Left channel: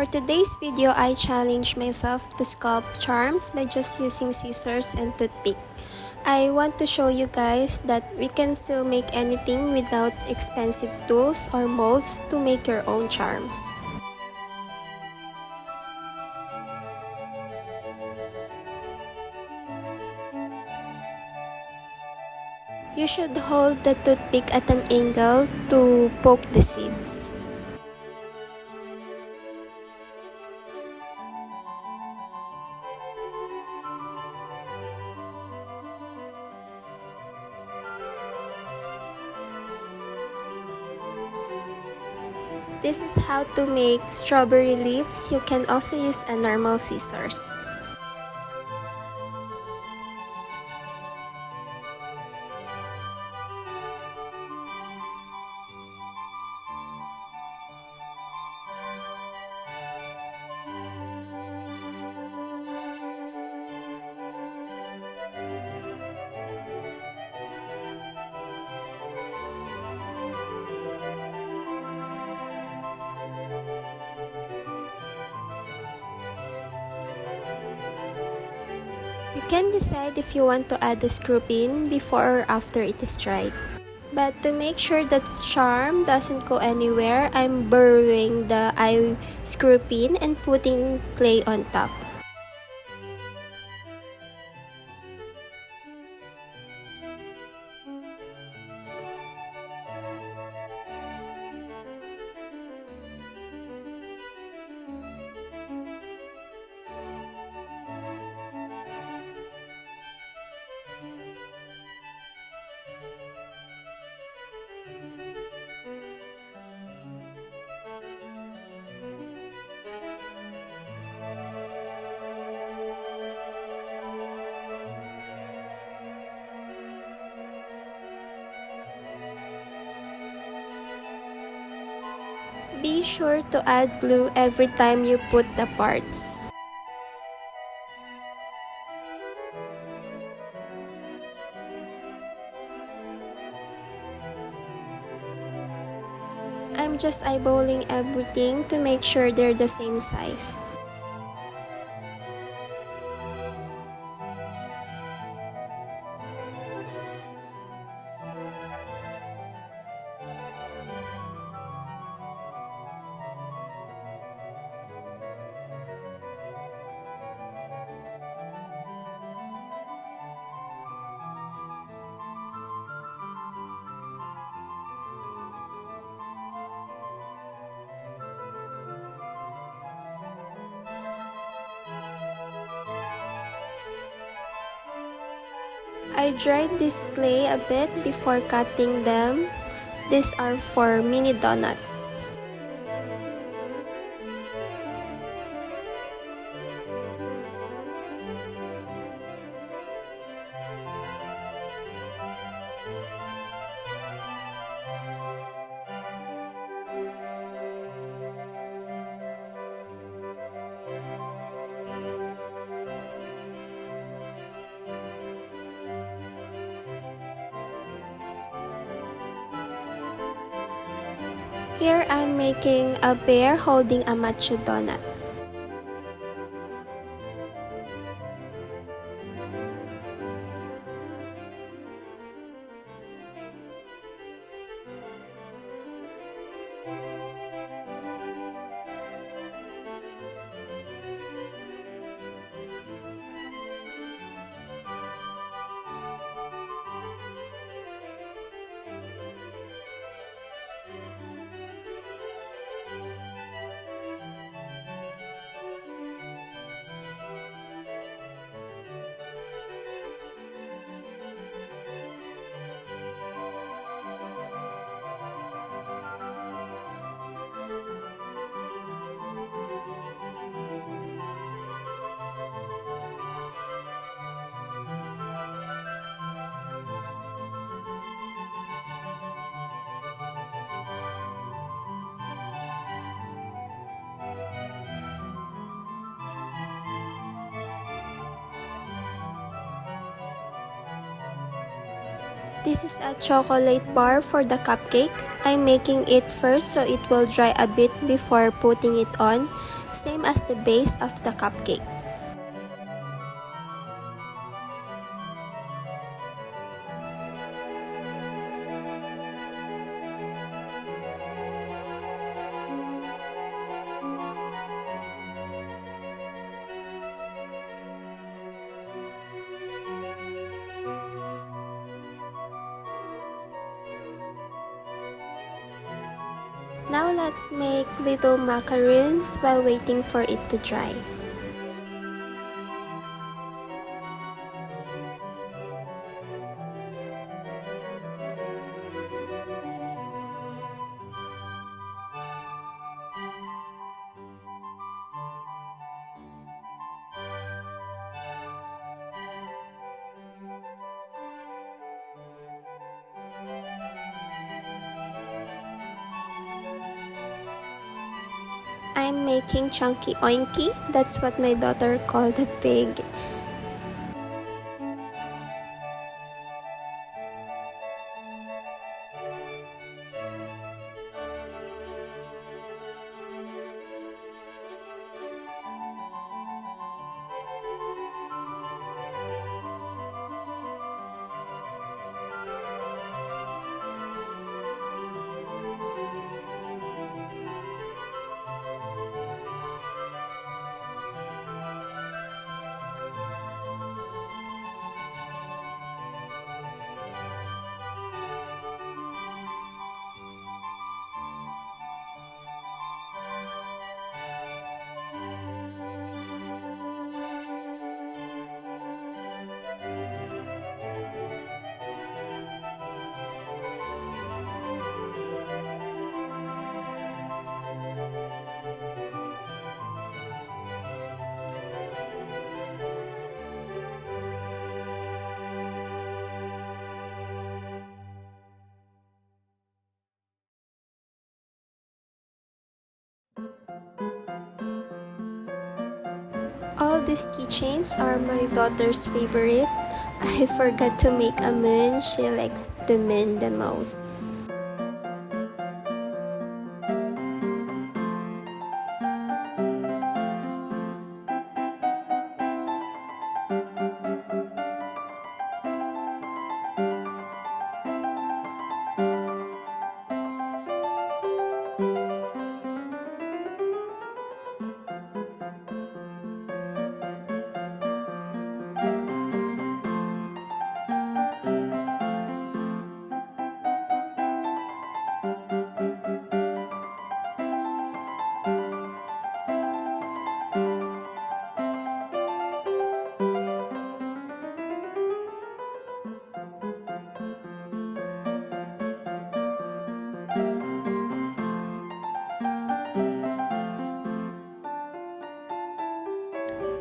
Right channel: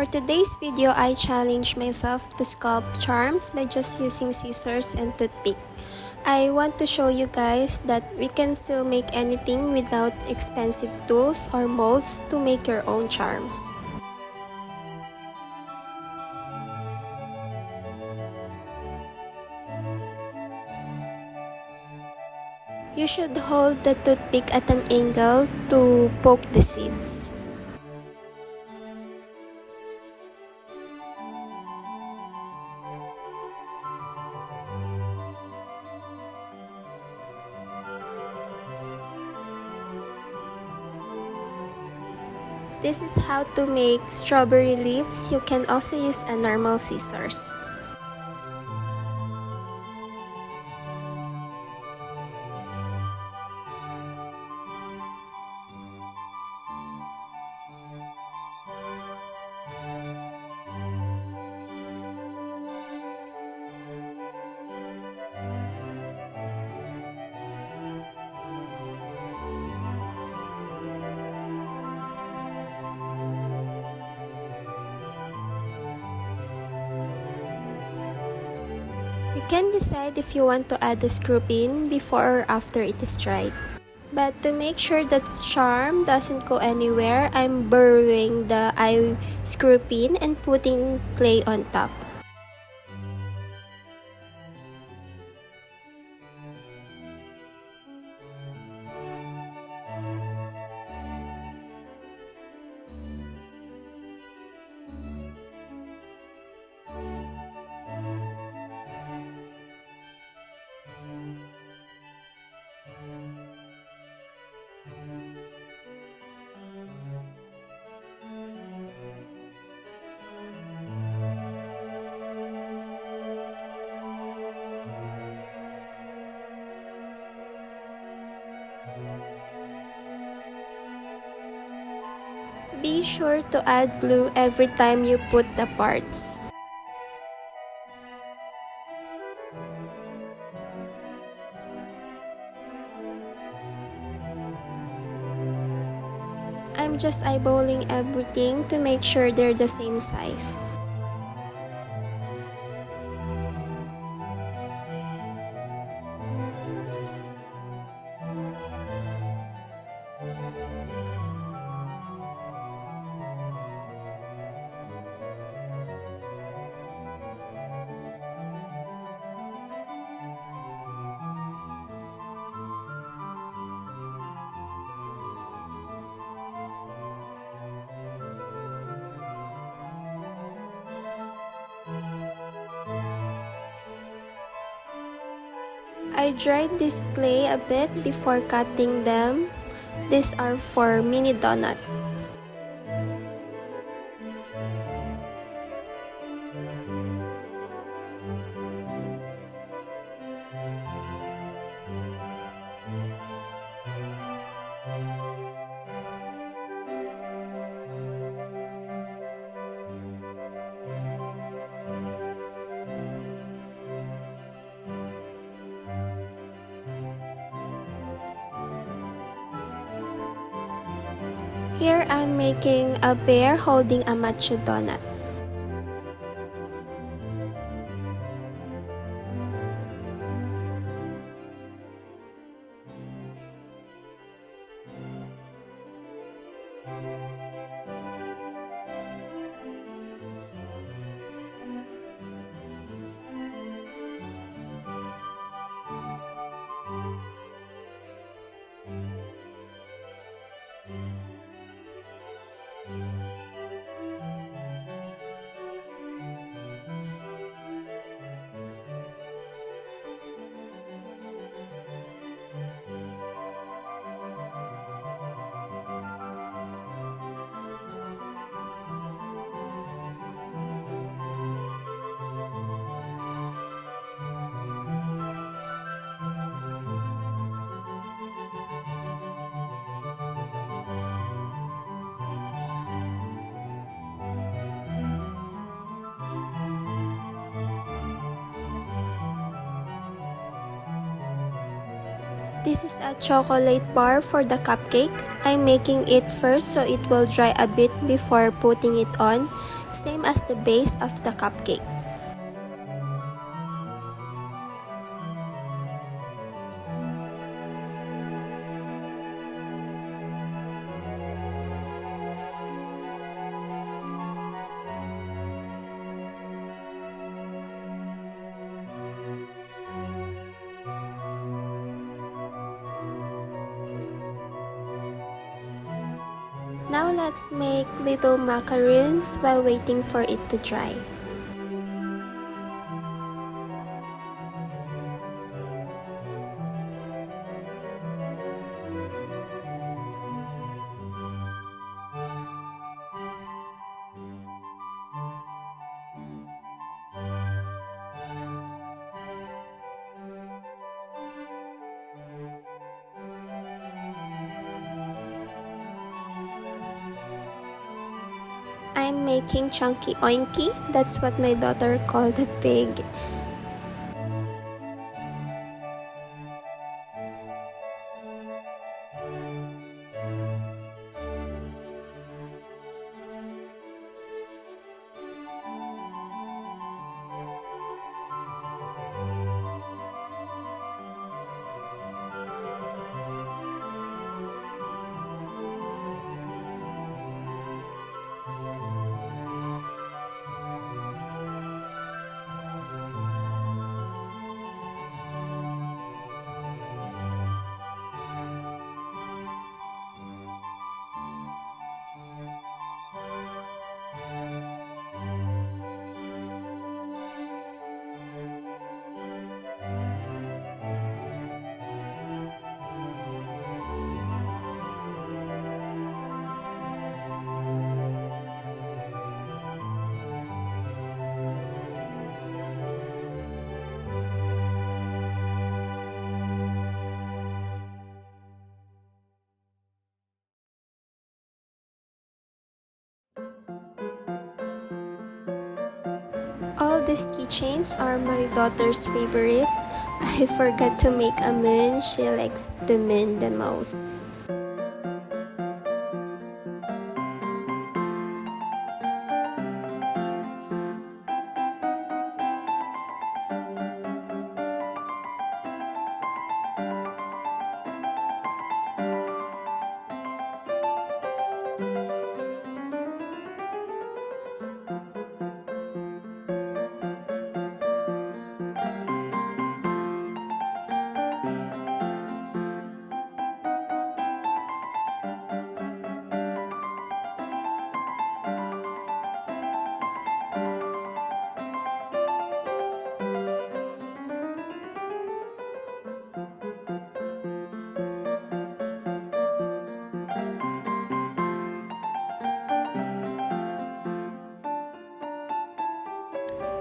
For today's video, I challenged myself to sculpt charms by just using scissors and toothpick. I want to show you guys that we can still make anything without expensive tools or molds to make your own charms. You should hold the toothpick at an angle to poke the seeds. This is how to make strawberry leaves. You can also use a normal scissors. You can decide if you want to add the screw pin before or after it is dried. But to make sure that charm doesn't go anywhere, I'm burrowing the eye screw pin and putting clay on top. Be sure to add glue every time you put the parts. I'm just eyeballing everything to make sure they're the same size. I dried this clay a bit before cutting them. These are for mini donuts. Here I'm making a bear holding a matcha donut. This is a chocolate bar for the cupcake. I'm making it first so it will dry a bit before putting it on, same as the base of the cupcake. Now let's make little macarons while waiting for it to dry. I'm making chunky oinky, that's what my daughter called the pig. All these keychains are my daughter's favorite. I forgot to make a moon. She likes the moon the most.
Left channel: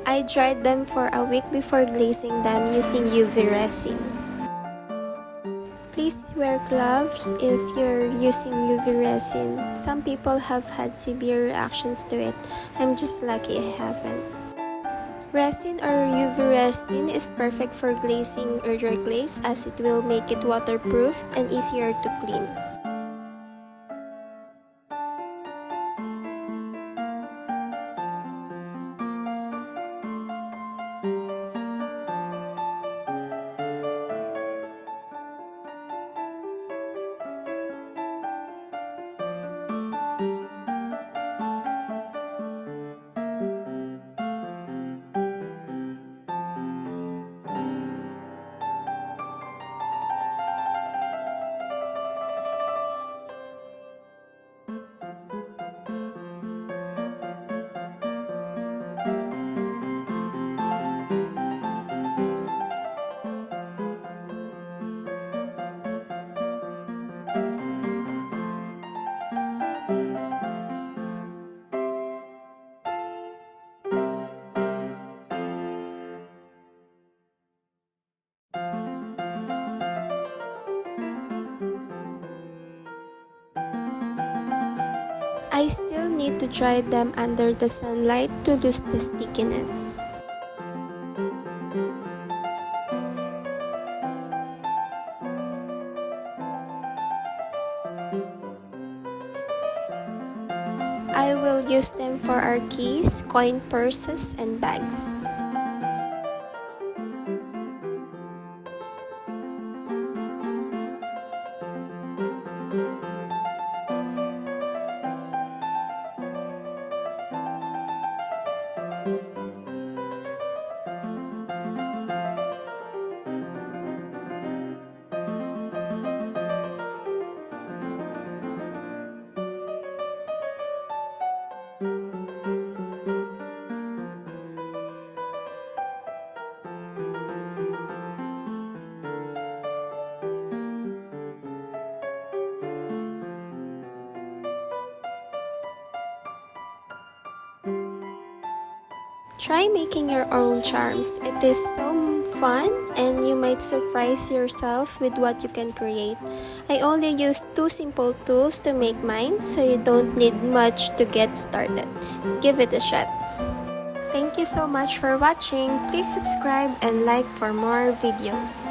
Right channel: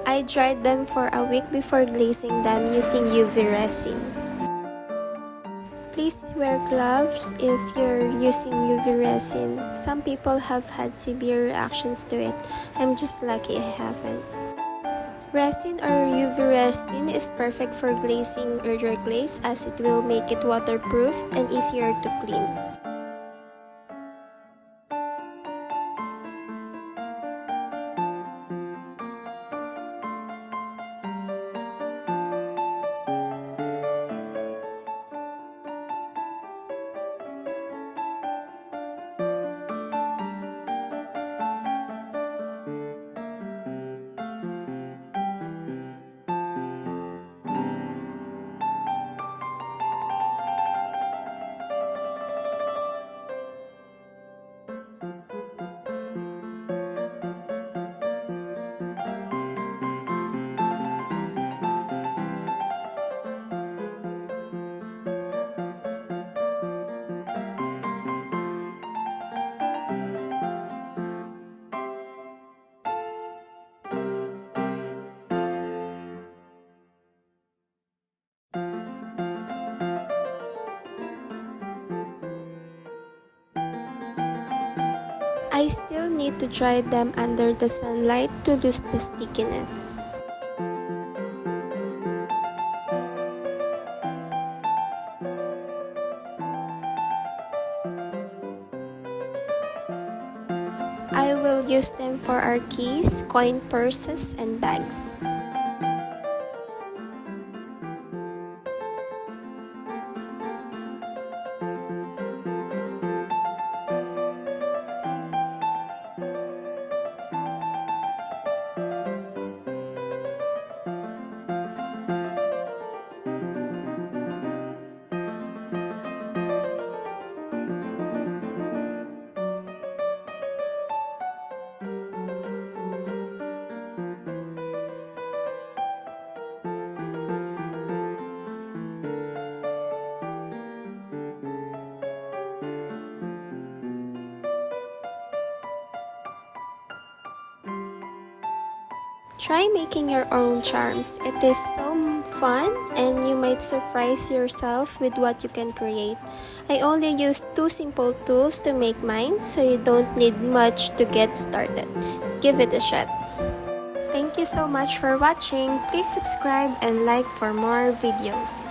I dried them for a week before glazing them using UV resin. Please wear gloves if you're using UV resin. Some people have had severe reactions to it. I'm just lucky I haven't. Resin or UV resin is perfect for glazing your glaze as it will make it waterproof and easier to clean. I still need to dry them under the sunlight to lose the stickiness. I will use them for our keys, coin purses, and bags. Try making your own charms. It is so fun and you might surprise yourself with what you can create. I only used 2 simple tools to make mine, so you don't need much to get started. Give it a shot. Thank you so much for watching. Please subscribe and like for more videos.